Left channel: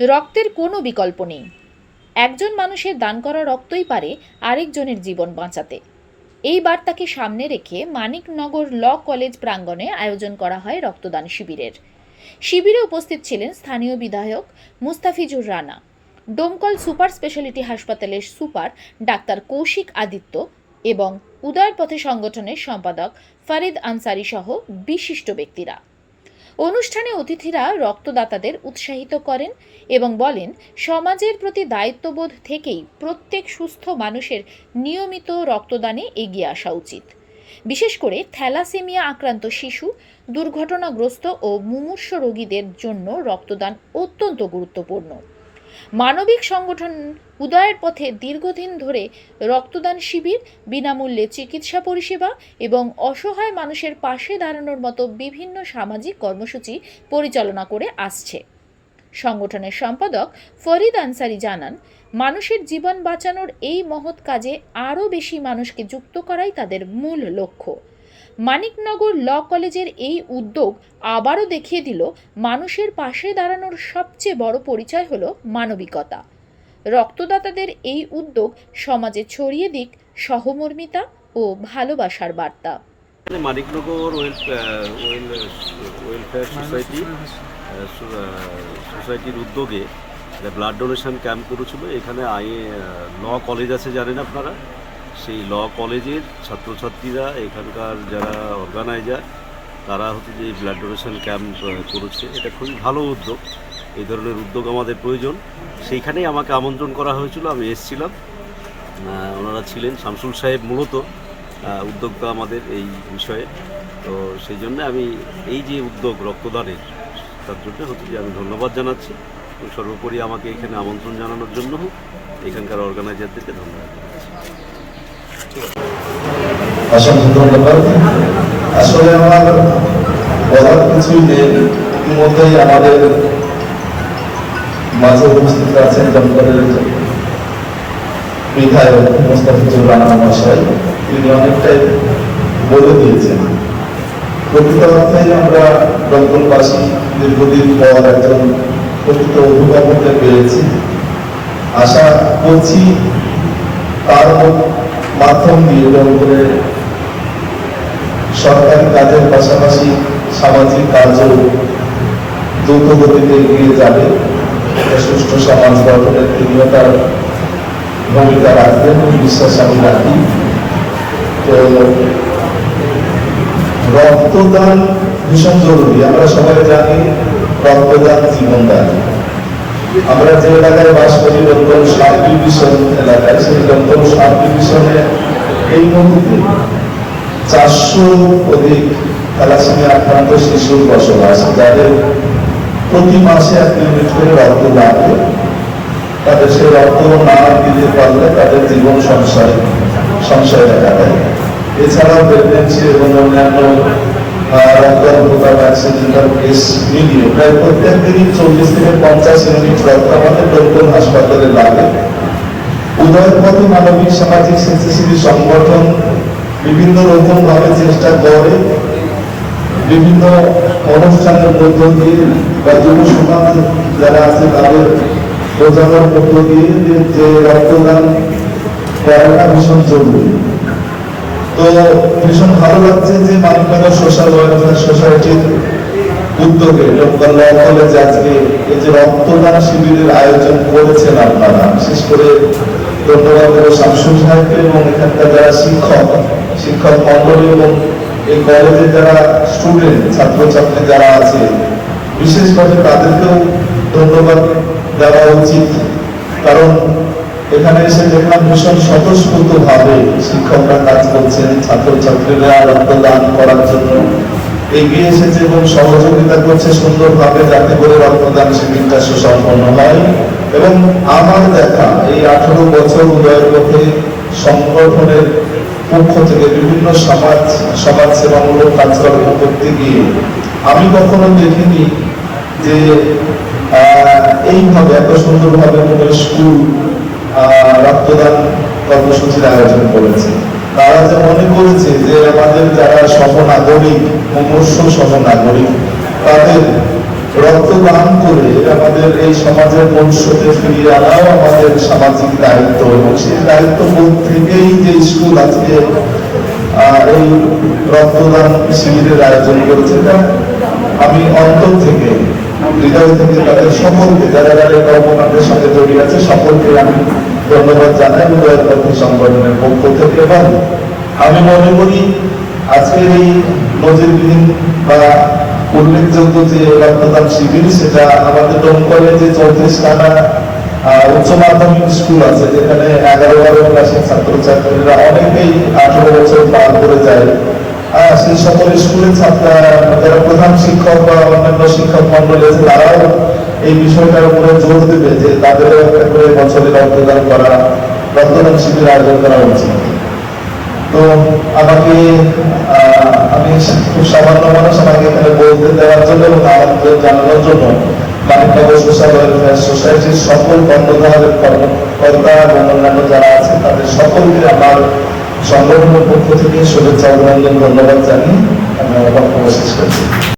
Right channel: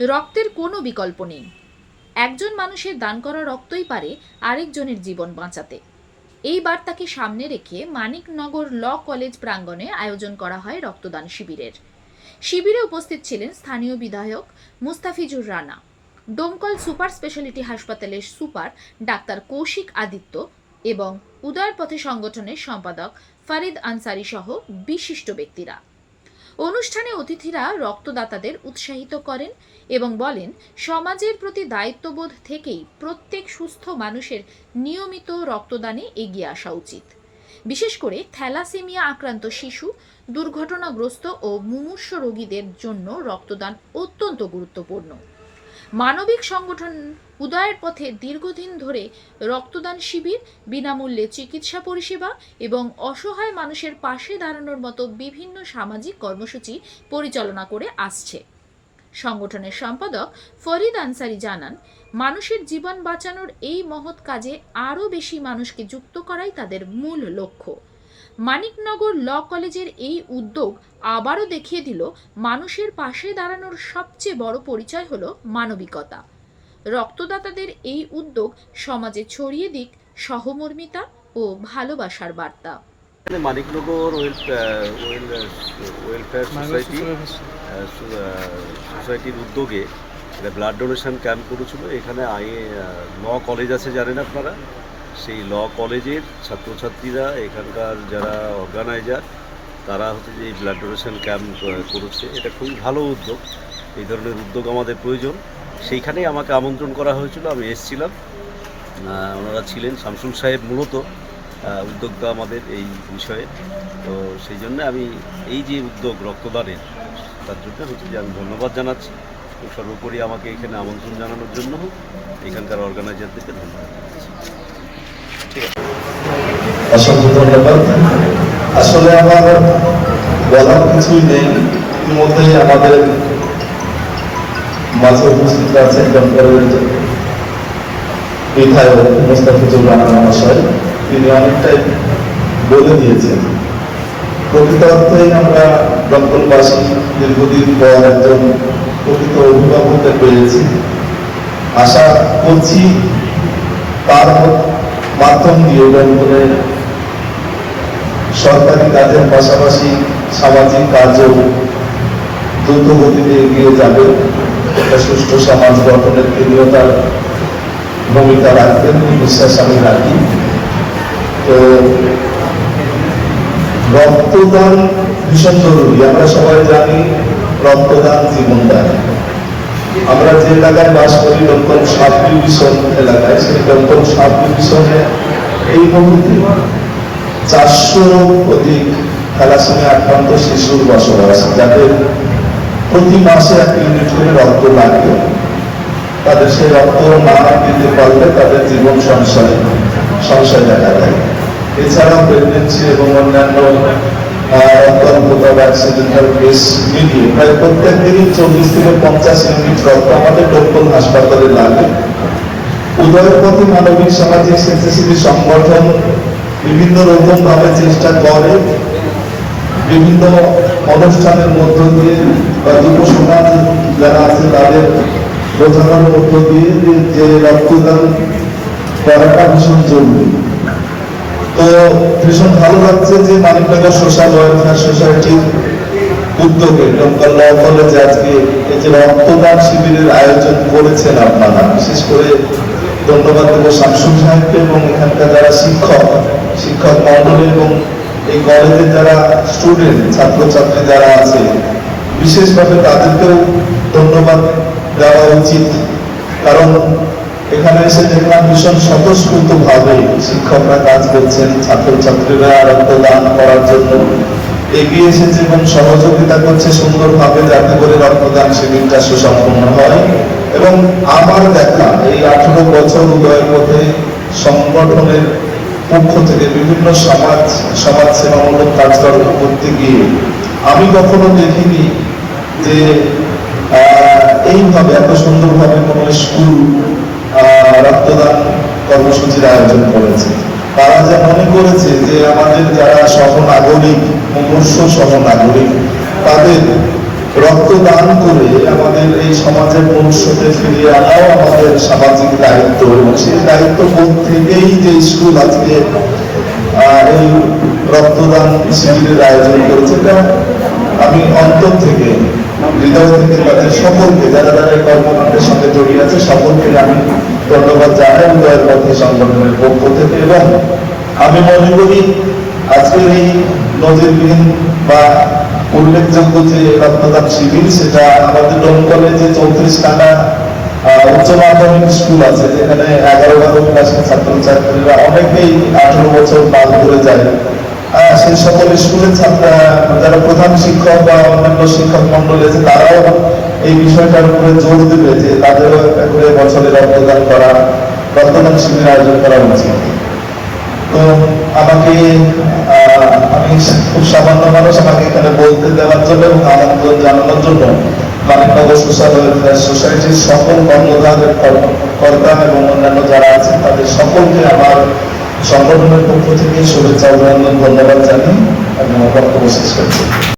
রক্তের কোনো বিকল্প নেই। একজন মানুষের দান করা রক্তই পারে আরেকজনের জীবন বাঁচাতে। এই বার্তাকে সামনে রেখে মানিকনগর ল কলেজ প্রাঙ্গণে আয়োজন করা হয় রক্তদান শিবিরের। শিবিরে উপস্থিত ছিলেন স্থানীয় বিধায়ক মুস্তাফিজুর রানা, ডোমকল সুপার স্পেশালিটি হাসপাতালের সুপার ডাক্তার কৌশিক আদিত্য এবং উদয়ের পথে সংগঠনের সম্পাদক ফারিদ আনসারি সহ বিশিষ্ট ব্যক্তিরা। অনুষ্ঠানে অতিথিরা রক্তদাতাদের উৎসাহিত করেন এবং বলেন, সমাজের প্রতি দায়িত্ববোধ থেকেই প্রত্যেক সুস্থ মানুষের নিয়মিত রক্তদানে এগিয়ে আসা উচিত। বিশেষ করে থ্যালাসেমিয়া আক্রান্ত শিশু, দুর্ঘটনাগ্রস্ত ও মুমূর্ষ রোগীদের জন্য রক্তদান অত্যন্ত গুরুত্বপূর্ণ। মানবিক সংগঠন উদয়ের পথে দীর্ঘদিন ধরে রক্তদান শিবির, বিনামূল্যে চিকিৎসা পরিষেবা এবং অসহায় মানুষের পাশে দাঁড়ানোর মতো বিভিন্ন সামাজিক কর্মসূচি পরিচালনা করে আসছে। সংগঠনের সম্পাদক ফরিদ আনসারি জানান, মানুষের জীবন বাঁচানোর এই মহৎ কাজে আরও বেশি মানুষকে যুক্ত করাই তাদের মূল লক্ষ্য। মানিকনগর ল কলেজের এই উদ্যোগ আবারও দেখিয়ে দিল, মানুষের পাশে দাঁড়ানোর সবচেয়ে বড় পরিচয় হলো মানবিকতা। রক্তদাতাদের এই উদ্যোগ সমাজে ছড়িয়ে দিক সহমর্মিতা ও ভালোবাসার বার্তা। মানিকনগর ওয়েলফেয়ার সোসাইটির উদ্যোগে ব্লাড ডোনেশন ক্যাম্প করেছিল। এখানে ল কলেজ আছে, জানেন আপনারা, সেই ল কলেজের ছাত্রছাত্রীরা, এখানকার যারা অর্গানাইজার, তারা হচ্ছে যে এই ব্লাড ডোনেশন ক্যাম্প করেছে। এটা খুবই ভালো উদ্যোগ। এই ধরনের উদ্যোগ আমাদের প্রয়োজন। সেইখানেই আমাকে আমন্ত্রণ করা হয়েছিল, আমি এসেছিলাম। ওনারা ছিলেন, শামসুল সাহেব মূলত উদ্যোক্তা আমাদের এই বিষয়ে। তো সেই জন্য আমি এই যে উদ্যোগ রক্তদানের, তার জন্য হচ্ছে যে আমি ধন্যবাদ জানাচ্ছি এবং সর্বোপরি আমাকে এখানে আমন্ত্রণ জানানোর জন্য এখানকার অর্গানাইজারদেরকে ধন্যবাদ জানাচ্ছি। ঠিক আছে, অসংখ্য ধন্যবাদ। আসলে আমার বলার কিছুই নেই, ইতিমধ্যেই আমাদের মাঝে উপস্থিত আছেন দমকলের বিধায়ক মুস্তাফিজুর রহমান মহাশয়। তিনি অনেকটাই বলে দিয়েছেন। প্রকৃত অর্থেই আমরা দমকলবাসী দীর্ঘদিন পর একজন প্রকৃত অভিভাবককে পেয়েছি। আশা করছি তার মাধ্যম দিয়ে দমকলের সরকারি কাজের পাশাপাশি সামাজিক কাজও দ্রুত গতিতে এগিয়ে যাবে। সুষ্ঠু সমাজ গঠনের তিনিও তার ভূমিকা রাখবেন, বিশ্বাস আমি রাখি। তো রক্তদান ভীষণ জরুরি। আমরা সবাই জানি রক্তদান জীবনদান। আমরা যে এলাকায় বাস করি, দমকল সাব ডিভিশন এলাকায়, সেই দমকল সাব ডিভিশনে এই মুহূর্তে 400 অধিক থ্যালাসেমিয়া আক্রান্ত শিশুর বসবাস, যাদের প্রতি মাসে 1 ইউনিট করে রক্ত লাগে। তাদের সেই রক্ত না দিতে পারলে তাদের জীবন সংশয় দেখা দেয়। এছাড়াও প্রেগনেন্সি এবং অন্যান্য অ্যাক্সিডেন্টাল কেস মিলিয়ে প্রায় প্রত্যেক দিনই 40 থেকে 50 ইউনিট রক্ত আমাদের দমকল হাসপাতালে লাগে। উদয়ের পথে মানবিক সামাজিক স্বেচ্ছাসেবী সংগঠন বিভিন্ন রকম ভাবে চেষ্টা করে, বিভিন্ন অনুষ্ঠানের মধ্য দিয়ে যুব সমাজ যারা আছে তাদের বোঝানোর মধ্য দিয়ে যে রক্তদান করাটা ভীষণ জরুরি। তো ভীষণ ভালো লাগছে যে মানিকনগর সোশ্যাল ওয়েলফেয়ার সোসাইটির উদ্যোগে দমকল কলেজে আজকে এই যে রক্তদান শিবিরের আয়োজন করেছেন আপনারা। বিশেষ করে ধন্যবাদ দেব শামসুল সাহেবকে এবং এখানকার যারা শিক্ষক মন্ডলী এবং এই কলেজের যারা স্টুডেন্ট, ছাত্রছাত্রী যারা আছে, বিশেষভাবে তাদেরকেও ধন্যবাদ দেওয়া উচিত। কারণ এখানে এসে দেখলাম ভীষণ স্বতঃস্ফূর্ত ভাবে শিক্ষকরা কাজ করছেন, ছাত্রছাত্রীরা রক্তদান করার জন্য এগিয়ে এসেছে এবং সহযোগিতা করছে সুন্দরভাবে, যাতে করে রক্তদান শিবিরটা সুসম্পন্ন হয়। এবং আমার দেখা এই 18 বছর উদয়ের মধ্যে সংগঠনের পক্ষ থেকে বিভিন্ন সমাজ সেবামূলক কাজকর্ম করতে গিয়ে আমি কখনো দেখিনি যে এইভাবে এত সুন্দরভাবে কোনো স্কুল রক্তদান কর্মসূচির আয়োজন করেছে। তারা যা মনে করেছে যে আমাদের যারা সহনাগরিক, মুমূর্ষু সহনাগরিক, তাদের রক্তদান করে আমাদের এই সমাজের মূল স্রোতে ফিরিয়ে আনাও আমাদের সামাজিক দায়িত্ব, এবং সেই দায়িত্ববোধ থেকেই যে স্কুল আজকে এই রক্তদান শিবিরের আয়োজন করেছে, এটা আমি অন্তর থেকে, হৃদয় থেকে তাদের সকলকে, যারা যারা এই কর্মকাণ্ডের সঙ্গে জড়িয়ে আছে, সকলকে আমি ধন্যবাদ জানাই হৃদয়ের পথে সংগঠনের পক্ষ থেকে। এবং আমি মনে করি আজকের এই নজিরবিহীন বা উল্লেখযোগ্য যে রক্তদান শিবির, সেটা আমাদের দমকলে যে 34খানা উচ্চ মাধ্যমিক স্কুল আছে, যেখানে 11-12 ক্লাসের ছাত্রছাত্রীরা অনেকেই 18 বছর পার করে যায়, সেই সকল স্কুলের ছাত্ররা, যারা প্রধান শিক্ষক বা অন্যান্য শিক্ষক মন্ডলী আছে, তারাও এই বিষয়টার উপরে জোর দেবে যে তাদেরও একটা করে বছরে রক্তদান করা, রক্তদান শিবির আয়োজন করা উচিত। তো আমি খুব সামান্য মানুষ, আমাকে এখানে বলতে দেওয়ার জন্য এবং আনন্দ জানানোর জন্য মানিকনগর সোশ্যাল ওয়েলফেয়ার সোসাইটির সকল কর্মধারের কর্মকর্তা এবং অন্যান্য যারা আছেন, তাদের সকলকে আমার সংগঠনের পক্ষ থেকে শুভেচ্ছা অভিনন্দন, ধন্যবাদ জানিয়ে আমি আমার বক্তব্য শেষ করছি।